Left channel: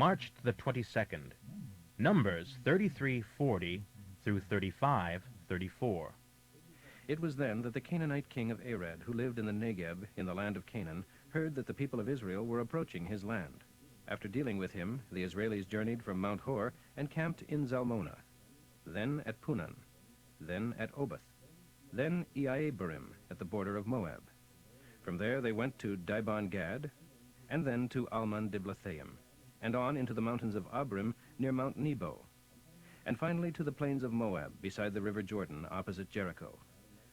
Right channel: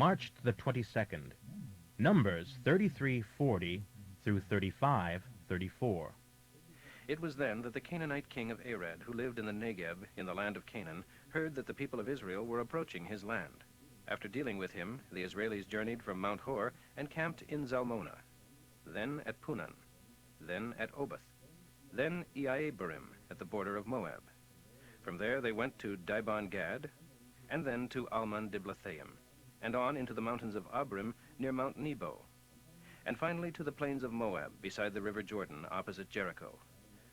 March the 22nd. Numbers 33:40 through 35:34. It was then that the Canaanite king of Arad, who lived in the Negeb in the land of Canaan, heard that the people of Israel were approaching his land. After dealing with him, the Israelis journeyed from Mount Hor and camped in Zalmonah, then at Punan, then at Oboth, then Iaibarim at the border of Moab. From there they went to Dibon-Gad, and then to Almon-Diblathaim, and on into the mountains of Abrim near Mount Nebo, and finally to the plains of Moab beside the river Jordan opposite Jericho.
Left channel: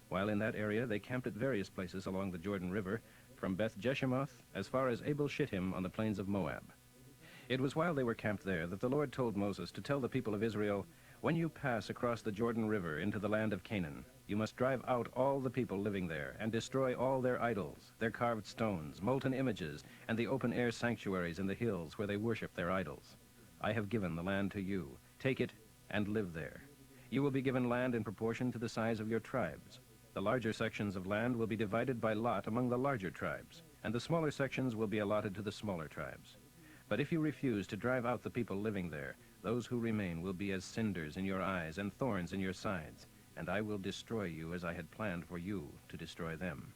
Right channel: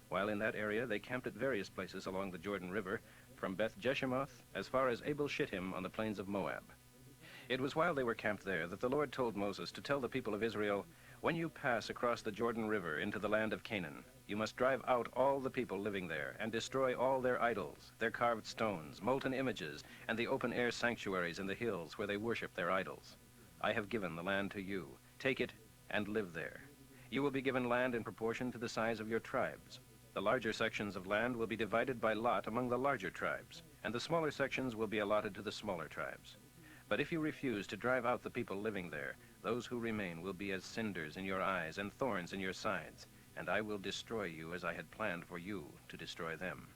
While in that area they camped at various places along the Jordan River, from Beth Jeshimoth as far as Abel Shittim on the plains of Moab. It was while they were camped there that the Lord told Moses to tell the people of Israel, "When you pass across the Jordan River into the land of Canaan, you must drive out all the people living there and destroy all their idols, their carved stones, molten images, and the open-air sanctuaries in the hills where they worship their idols. I have given the land to you. Take it and live there. You will be given land in proportion to the size of your tribes. The larger sections of land will be divided by lot among the larger tribes, and the smaller sections will be allotted to the smaller tribes. But if you refuse to drive out the people living there, those who remain will be as cinders in your eyes and thorns in your sides, and I will destroy you as I had planned for you to destroy them."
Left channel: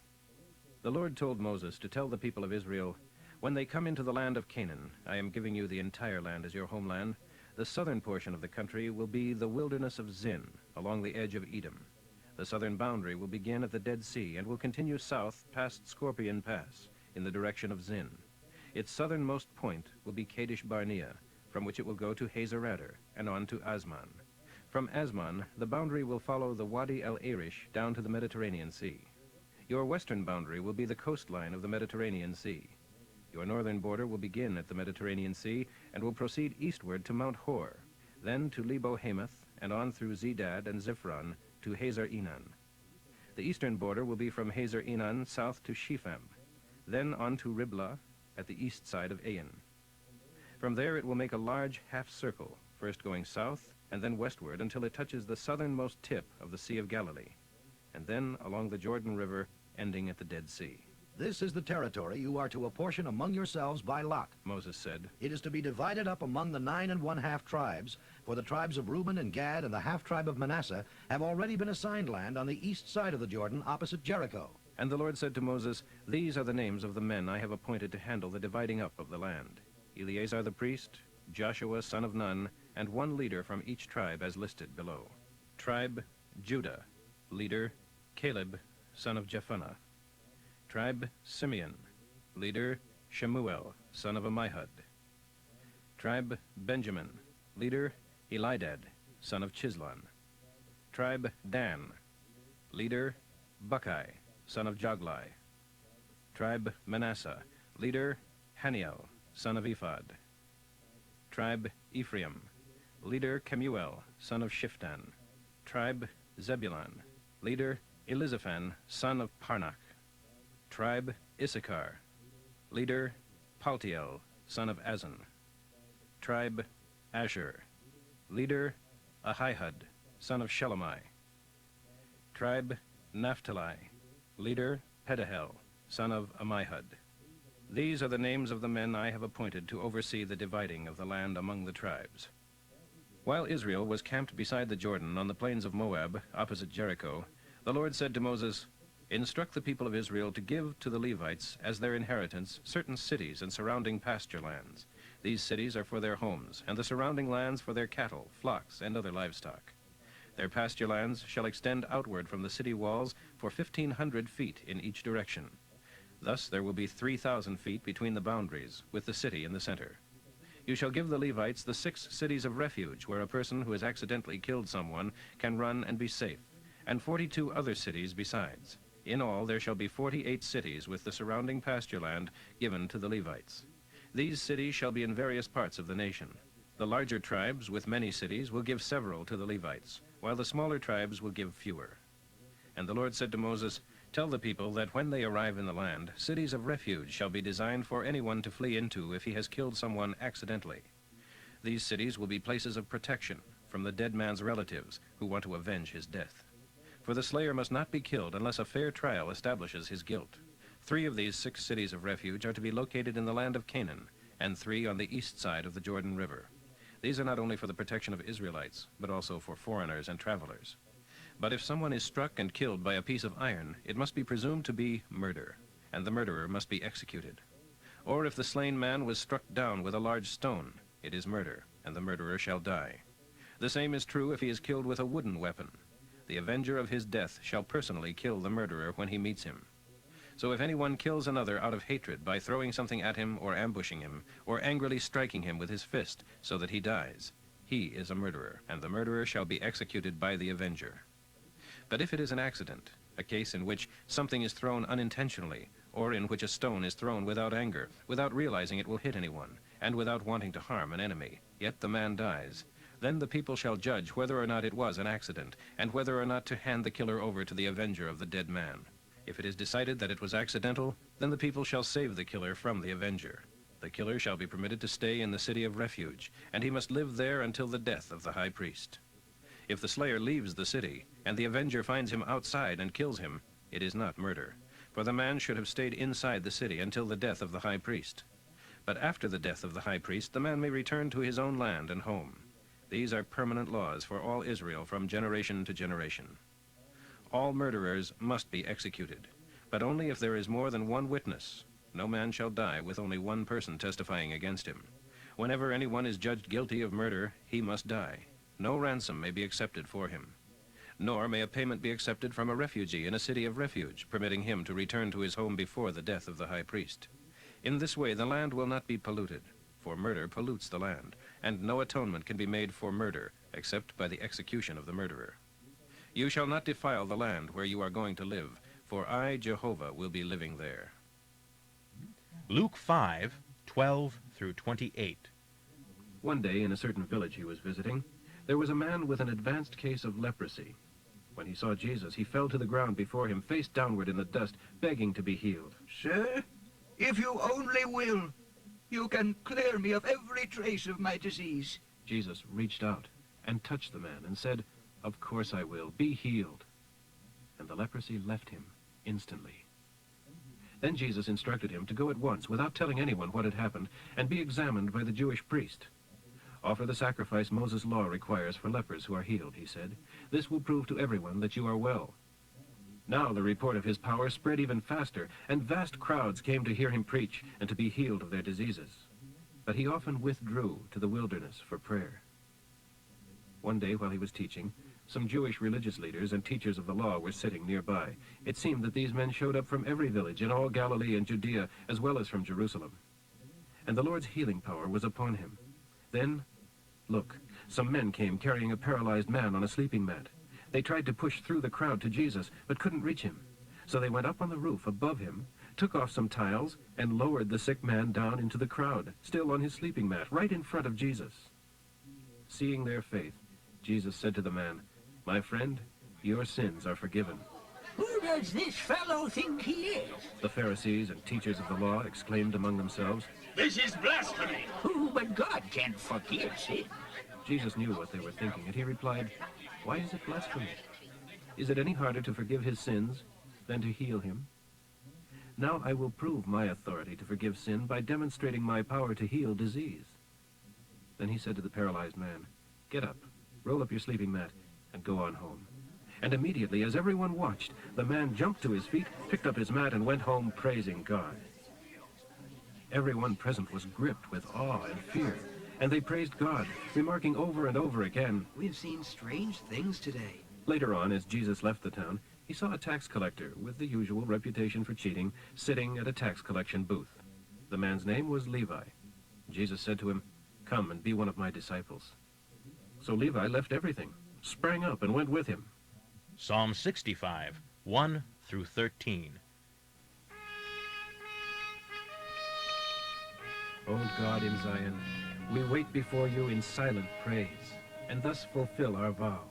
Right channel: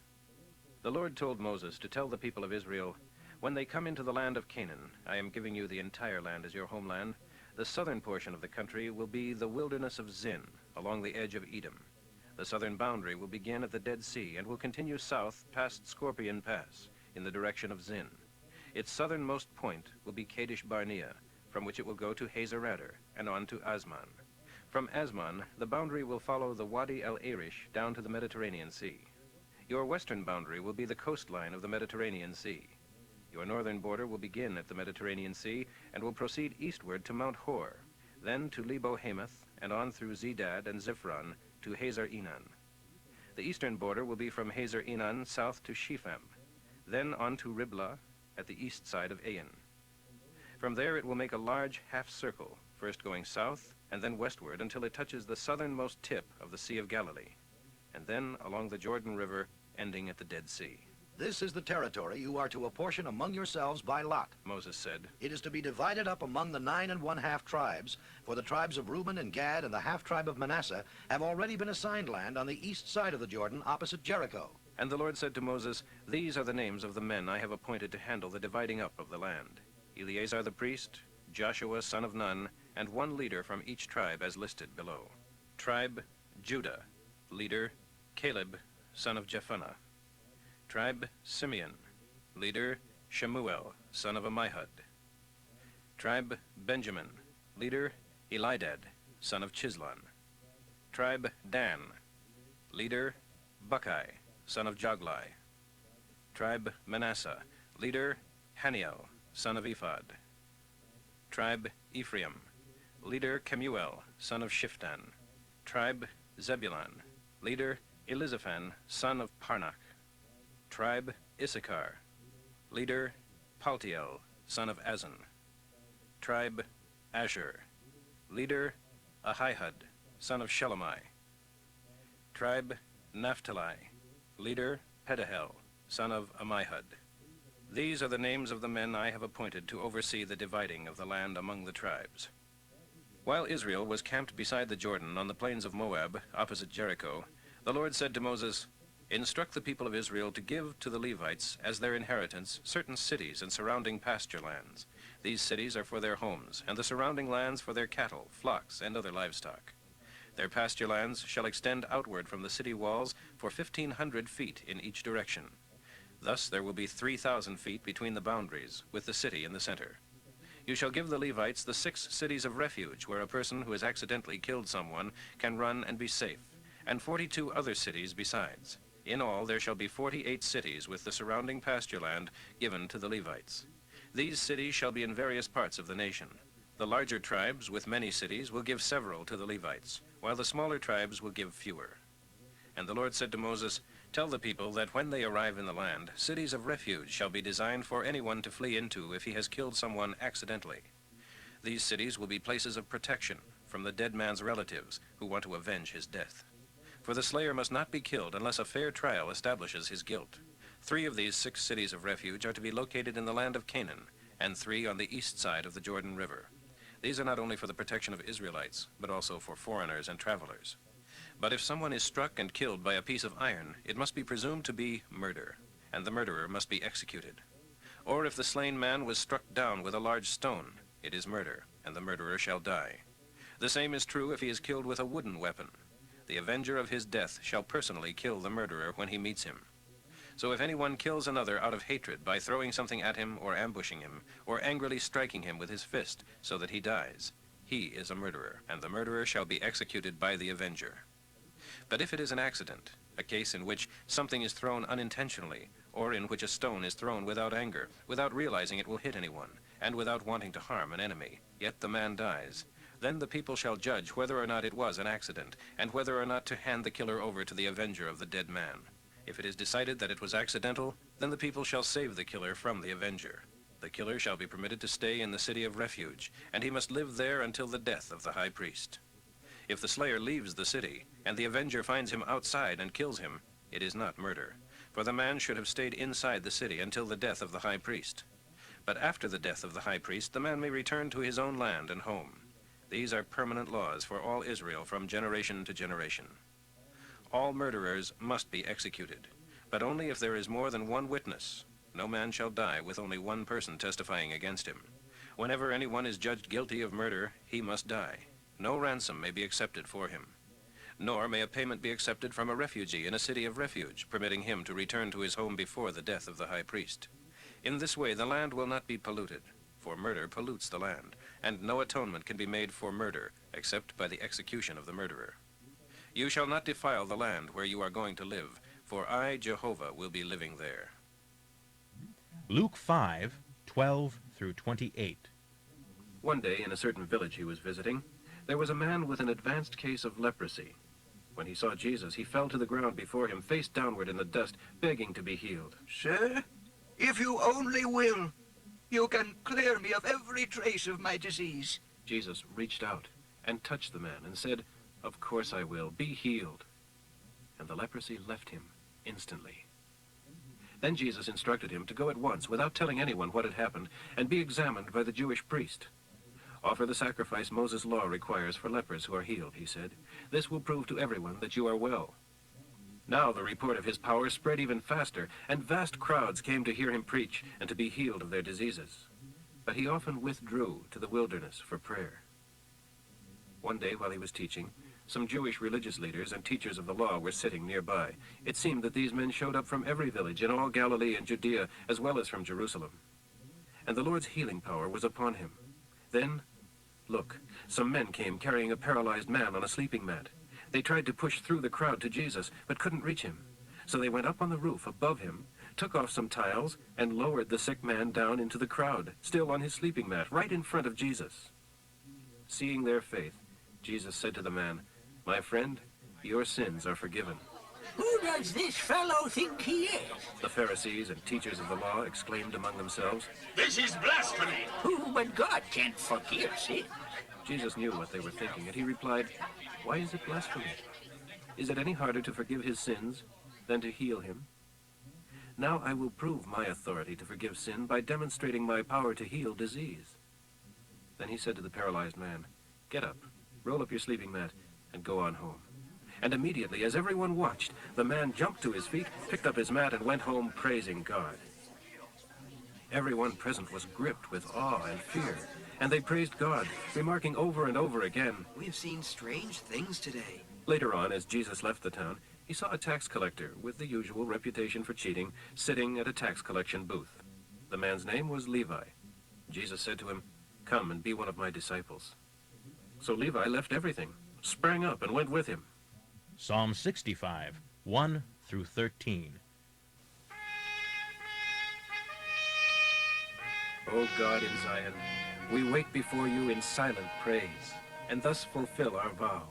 The Lord told Moses to tell the people of Israel, "When they come into the land of Canaan, I am giving you the entire land as your homeland. The southern portion of the country will be the wilderness of Zin, along the edge of Edom. The southern boundary will begin at the Dead Sea and will continue south past Scorpion Pass in the direction of Zin. Its southernmost point will be Kadesh Barnea, from which it will go to Hazer-Ader and on to Asman. From Asman, the boundary will follow the Wadi el-Arish down to the Mediterranean Sea. Your western boundary will be the coastline of the Mediterranean Sea. Your northern border will begin at the Mediterranean Sea and will proceed eastward to Mount Hor, then to Lebo-Hamath and on through Zedad and Ziphron to Hazer-Enan. The eastern border will be from Hazer-Enan south to Shepham, then on to Riblah at the east side of Ain. From there it will make a large half-circle, first going south and then westward until it touches the southernmost tip of the Sea of Galilee, and then along the Jordan River, ending at the Dead Sea." "This is the territory you are to apportion among yourselves by lot," Moses said. "It is to be divided up among the 9½ tribes, for the tribes of Reuben and Gad and the half-tribe of Manasseh have already been assigned land on the east side of the Jordan opposite Jericho." And the Lord said to Moses, "These are the names of the men I have appointed to handle the dividing up of the land: Eleazar the priest, Joshua son of Nun, and one leader from each tribe as listed below. Tribe Judah, leader Caleb son of Jephunneh. Tribe Simeon, leader Shemuel son of Ammihud. Tribe Benjamin, leader Elidad son of Chislon. Tribe Dan, leader Buckai son of Joglai. Tribe Manasseh, leader Haniel son of Ephod. Tribe Ephraim, leader Kemuel son of Shiftan. Tribe Zebulun, leader Elizaphan son of Parnach. Tribe Issachar, leader Paltiel son of Azan. Tribe Asher, leader Ahihud son of Shelomai. Tribe Naphtali, leader Pedahel son of Ammihud. These are the names of the men I have appointed to oversee the dividing of the land among the tribes." While Israel was camped beside the Jordan on the plains of Moab, opposite Jericho, the Lord said to Moses, "Instruct the people of Israel to give to the Levites as their inheritance certain cities and surrounding pasture lands. These cities are for their homes, and the surrounding lands for their cattle, flocks, and other livestock. Their pasture lands shall extend outward from the city walls for 1,500 feet in each direction. Thus there will be 3,000 feet between the boundaries, with the city in the center. You shall give the Levites the 6 cities of refuge where a person who has accidentally killed someone can run and be safe, and 42 other cities besides. In all, there shall be 48 cities with the surrounding pasture land given to the Levites. These cities shall be in various parts of the nation. The larger tribes with many cities will give several to the Levites, while the smaller tribes will give fewer." And the Lord said to Moses, "Tell the people that when they arrive in the land, cities of refuge shall be designed for anyone to flee into if he has killed someone accidentally. These cities will be places of protection from the dead man's relatives who want to avenge his death. For the slayer must not be killed unless a fair trial establishes his guilt. 3 of these 6 cities of refuge are to be located in the land of Canaan, and 3 on the east side of the Jordan River. These are not only for the protection of Israelites, but also for foreigners and travelers. But if someone is struck and killed by a piece of iron, it must be presumed to be murder, and the murderer must be executed. Or if the slain man was struck down with a large stone, it is murder, and the murderer shall die. The same is true if he is killed with a wooden weapon. The avenger of his death shall personally kill the murderer when he meets him. So if anyone kills another out of hatred by throwing something at him or ambushing him, or angrily striking him with his fist so that he dies, he is a murderer, and the murderer shall be executed by the avenger. But if it is an accident, a case in which something is thrown unintentionally, or in which a stone is thrown without anger, without realizing it will hit anyone, and without wanting to harm an enemy, yet the man dies, then the people shall judge whether or not it was an accident, and whether or not to hand the killer over to the avenger of the dead man. If it is decided that it was accidental, then the people shall save the killer from the avenger. The killer shall be permitted to stay in the city of refuge, and he must live there until the death of the high priest. If the slayer leaves the city, and the avenger finds him outside and kills him, it is not murder, for the man should have stayed inside the city until the death of the high priest. But after the death of the high priest, the man may return to his own land and home. These are permanent laws for all Israel from generation to generation. All murderers must be executed, but only if there is more than one witness. No man shall die with only one person testifying against him. Whenever anyone is judged guilty of murder, he must die. No ransom may be accepted for him. Nor may a payment be accepted from a refugee in a city of refuge, permitting him to return to his home before the death of the high priest. In this way, the land will not be polluted, for murder pollutes the land, and no atonement can be made for murder except by the execution of the murderer. You shall not defile the land where you are going to live, for I, Jehovah, will be living there. Luke 5:12 through 28. One day, in a certain village he was visiting, there was a man with an advanced case of leprosy. When he saw Jesus, he fell to the ground before him, face downward in the dust, begging to be healed. Sir, if you only will, you can clear me of every trace of my disease. Jesus reached out and touched the man and said, "Of course I will. Be healed." And the leprosy left him instantly. Then Jesus instructed him to go at once, without telling anyone what had happened, and be examined by the Jewish priest. "Offer the sacrifice Moses' law requires for lepers who are healed," he said. "This will prove to everyone that you are well." Now the report of his power spread even faster, and vast crowds came to hear him preach and to be healed of their diseases. But he often withdrew to the wilderness for prayer. One day while he was teaching, some Jewish religious leaders and teachers of the law were sitting nearby. It seemed that these men showed up from every village in all Galilee and Judea, as well as from Jerusalem. And the Lord's healing power was upon him. Then, look, some men came carrying a paralyzed man on a sleeping mat. They tried to push through the crowd to Jesus, but couldn't reach him. So they went up on the roof above him, took off some tiles, and lowered the sick man down into the crowd, still on his sleeping mat, right in front of Jesus. Seeing their faith, Jesus said to the man, "My friend, your sins are forgiven." Who does this fellow think he is? The Pharisees and teachers of the law exclaimed among themselves. This is blasphemy! Who but God can forgive sin? Jesus knew what they were thinking, and he replied, "Why is it blasphemy? Is it any harder to forgive his sins than to heal him? Now I will prove my authority to forgive sin by demonstrating my power to heal disease." Then he said to the paralyzed man, "Get up, roll up your sleeping mat, and go on home." And immediately, as everyone watched, the man jumped to his feet, picked up his mat, and went home praising God. Everyone present was gripped with awe and fear, and they praised God, remarking over and over again, "We've seen strange things today." Later on, as Jesus left the town, he saw a tax collector with the usual reputation for cheating, sitting at a tax collection booth. The man's name was Levi. Jesus said to him, "Come and be one of my disciples." So Levi left everything, sprang up, and went with him. Psalm 65:1 through 13. O God in Zion, we wait before you in silent praise, and thus fulfill our vow.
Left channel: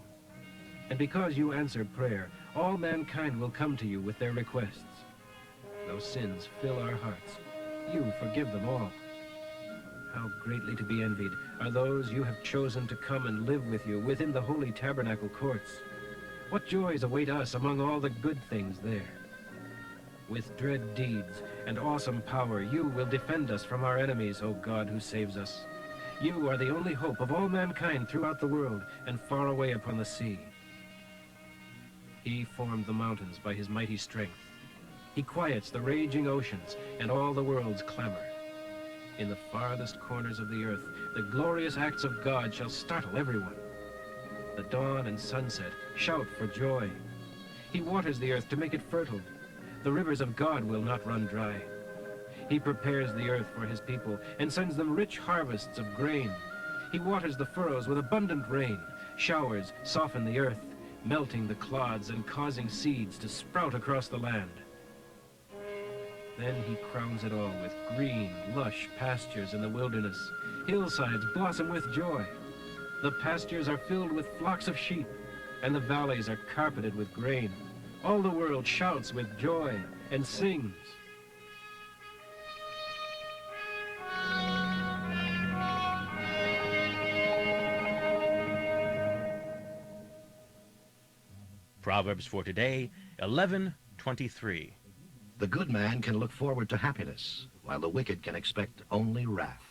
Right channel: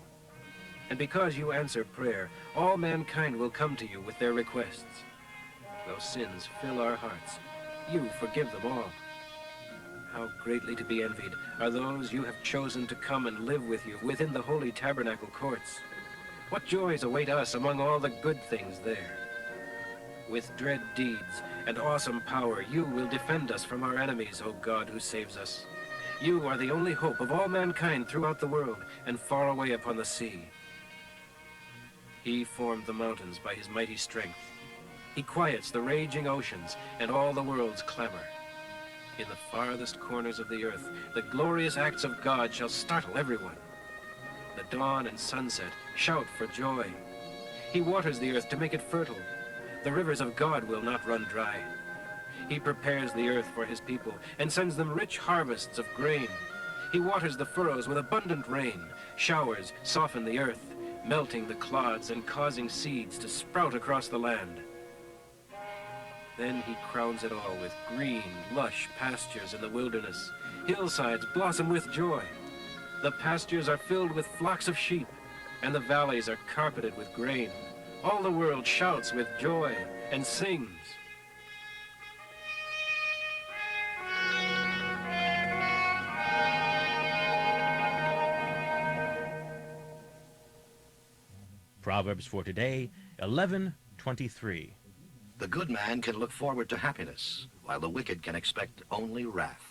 And because you answer prayer, all mankind will come to you with their requests. Though sins fill our hearts, you forgive them all. How greatly to be envied are those you have chosen to come and live with you within the holy tabernacle courts. What joys await us among all the good things there. With dread deeds, and awesome power, you will defend us from our enemies, O God who saves us. You are the only hope of all mankind throughout the world and far away upon the sea. He formed the mountains by his mighty strength. He quiets the raging oceans and all the world's clamor. In the farthest corners of the earth, the glorious acts of God shall startle everyone. The dawn and sunset shout for joy. He waters the earth to make it fertile. The rivers of God will not run dry. He prepares the earth for his people and sends them rich harvests of grain. He waters the furrows with abundant rain. Showers soften the earth, melting the clods and causing seeds to sprout across the land. Then he crowns it all with green, lush pastures in the wilderness. Hillsides blossom with joy. The pastures are filled with flocks of sheep, and the valleys are carpeted with grain. All the world shouts with joy and sings. Proverbs for today, 11:23. The good man can look forward to happiness, while the wicked can expect only wrath.